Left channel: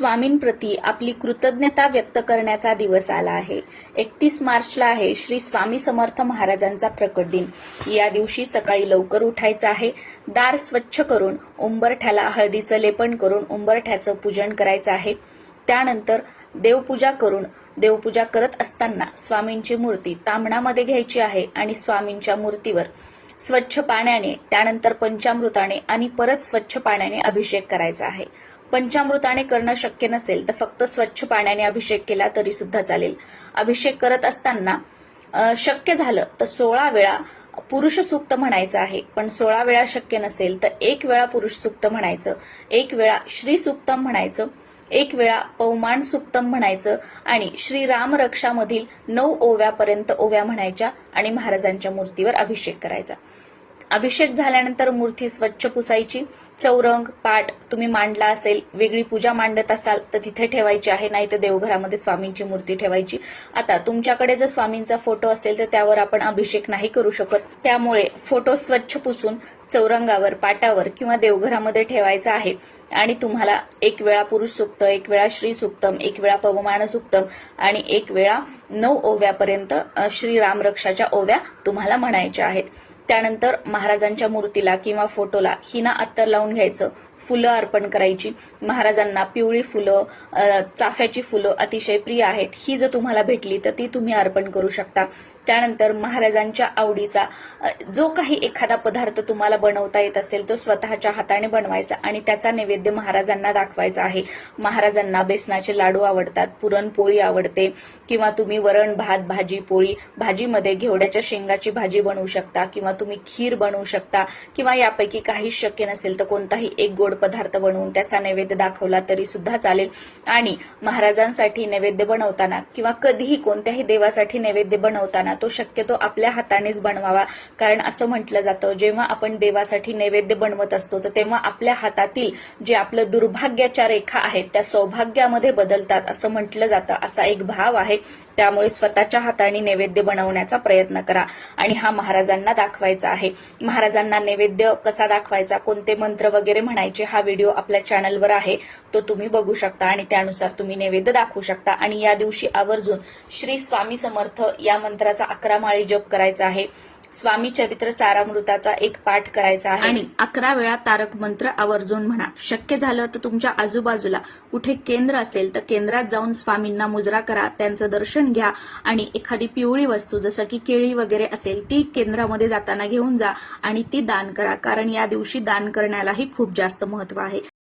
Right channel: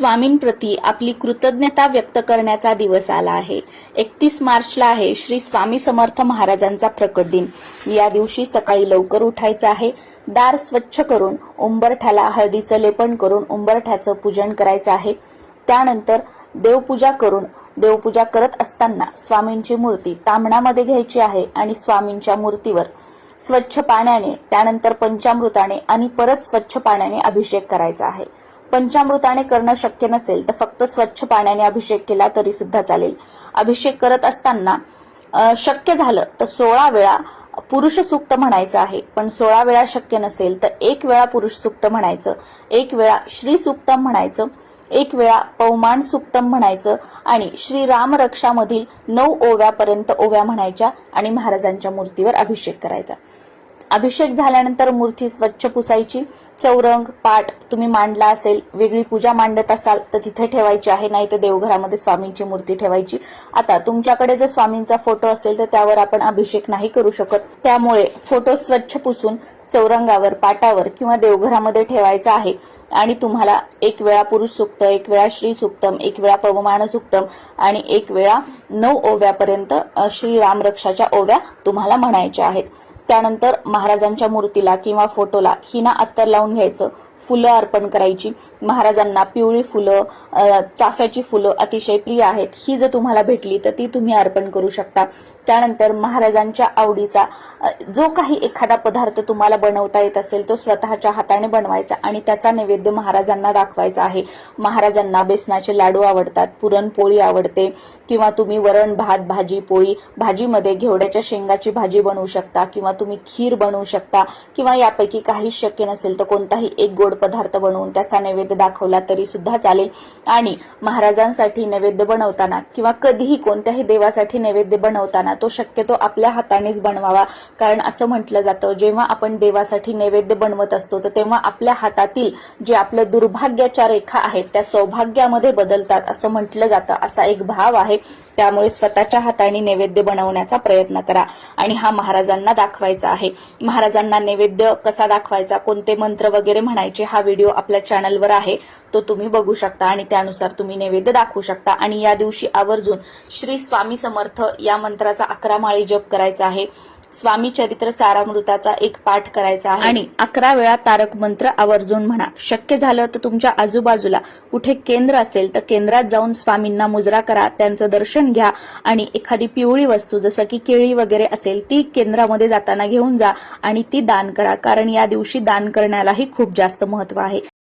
स्वामींप्रती आपली कृतज्ञता व्यक्त करण्याचा दिवस आला आहे। 31 मार्चला आहे श्री स्वामी समर्थ महाराजांचा प्रकट दिन। या दिवशी सकाळी लवकर उठायचं आहे, दार स्वच्छ करून उंबरठ्याला हळदीचं लेपन करून उंबरठ्याचं पूजन करायचं आहे। त्यानंतर देवपूजा करत असताना स्वामींची मूर्ती ताम्हणामध्ये घ्यायची आहे आणि स्वामींच्या मूर्तीवर स्वच्छ पाण्याने, त्यानंतर पंचामृताने आणि परत स्वच्छ पाण्याने अभिषेक करायचा आहे। पंचामृताने करणं शक्य नसेल तर फक्त स्वच्छ पाण्याने अभिषेक केला तरी सुद्धा चालेल। अभिषेक करत असताना शक्य झालं तर 16 वेळा पुरुष सूक्त म्हणायचं आहे, पण 16 वेळा शक्य नसेल तर 1 वेळा पुरुष सूक्त म्हणायचं, 1 वेळा श्री सूक्तम म्हणायचं, 1 वेळा पवमान सूक्तम म्हणायचं आणि श्री राम रक्षामधील 9 ओव्यापर्यंत ओव्या म्हणायच्या आणि महाराजांच्या मूर्तीवर अभिषेक करायचा। अभिषेक झाल्यानंतर मूर्ती स्वच्छ पुसायची। चौरंग, पाट तुम्ही मांडला असेल, वेगळी पूजा मांडत असाल तर तिथे ठेवायची आहे, नाही तर देवघरामध्ये स्वामींची मूर्ती ठेवायची। आता तुमच्याकडे जर स्वामींचा फोटो असेल तर त्यावर आपण अभिषेक नाही करू शकत, त्यामुळे फोटो स्वच्छ पुसून चौरंगावर, पाटावर किंवा देवघरामध्ये ठेवायचा आहे आणि तुम्हाला 1 वेळा पुरुष सूक्त, 1 वेळा श्री सूक्तम, 1 वेळा पवमान सूक्तम आणि 1 वेळा 9 ओव्यापर्यंत श्री राम रक्षाच्या ओव्या तुम्हाला म्हणायच्या आहेत। त्यानंतर महाराजांच्या मूर्तीला किंवा फोटोला हिना अत्तर लावून घ्यायचं, फुलं अर्पण करायची। महाराजांना पिवळी फुलं, चाफ्याची फुलं अतिशय प्रिय आहेत, ही जर तुम्हाला भेटली तर ती तुम्ही अर्पण करू शकता। त्यानंतर महाराजांच्या आवडीचा जो काही एखादा पदार्थ तुम्हाला बनवता येत असेल तो स्वतःच्या हाताने बनवायचा आणि त्याचा नैवेद्य महाराजांना दाखवायचा आहे। महाराजांना बेसनाचे लाडू आवडतात, पुरणपोळी आवडते किंवा तुम्ही वरण, भात, भाजी, पोळी, भाजीमध्ये घेवड्याच्या शेंगाची भाजी बनवू शकता किंवा तुम्ही खीर बनवू शकता किंवा यापैकी काही शक्य नसेल तर कोणताही एक गोड पदार्थ बनवून त्याचा नैवेद्य दाखवला तरी सुद्धा चालेल। आणि महाराजांसाठी नैवेद्य बनवताना किंवा कधीही कोणत्याही देवासाठी नैवेद्य बनवताना तो शक्यतो आपल्या हातानेच बनवावा, कारण असं म्हटलं जातं जेव्हा आपण देवासाठी नैवेद्य बनवत असतो तर तेव्हा आपल्या हातातील जे आपलं दुर्भाग्याच्या रेखा आहेत त्या सौभाग्यामध्ये बदलतात असं म्हटलं जातं, असा एक भाव आहे। त्यामुळे स्वतःच्या हाताने नैवेद्य बनवण्याचा प्रयत्न करा आणि हा महाराजांना दाखवायचा आहे। महाराजांना नैवेद्य कसा दाखवायचा, कोणते मंत्र वगैरे म्हणायचे, हा व्हिडिओ आपल्या चॅनलवर आहे, तो तुम्ही बघू शकता आणि त्यानुसार तुम्ही नैवेद्य दाखवू शकता। आणि या दिवशी आवर्जून श्री स्वामी समर्थ या मंत्राचा 11 माळी जप करायचा आहे। स्वामी चरित्र सारामृताचा 1 पाठ करायचा आहे आणि 11 वेळा तारक मंत्र आवर्जून म्हणा। शक्य झालं तर तुमच्या आजूबाजूला कुठे केंद्र असेल तर केंद्रात जाऊन स्वामींना मुजरा करा, त्यांचं दर्शन घ्या आणि एखादी पिवळी वस्तू जसं की केळी वगैरे असेल ती केंद्रामध्ये जाताना घेऊन जा आणि ती दान करा, कारण या दिवशी दान करण्यालाही खूप जास्त महत्व आहे।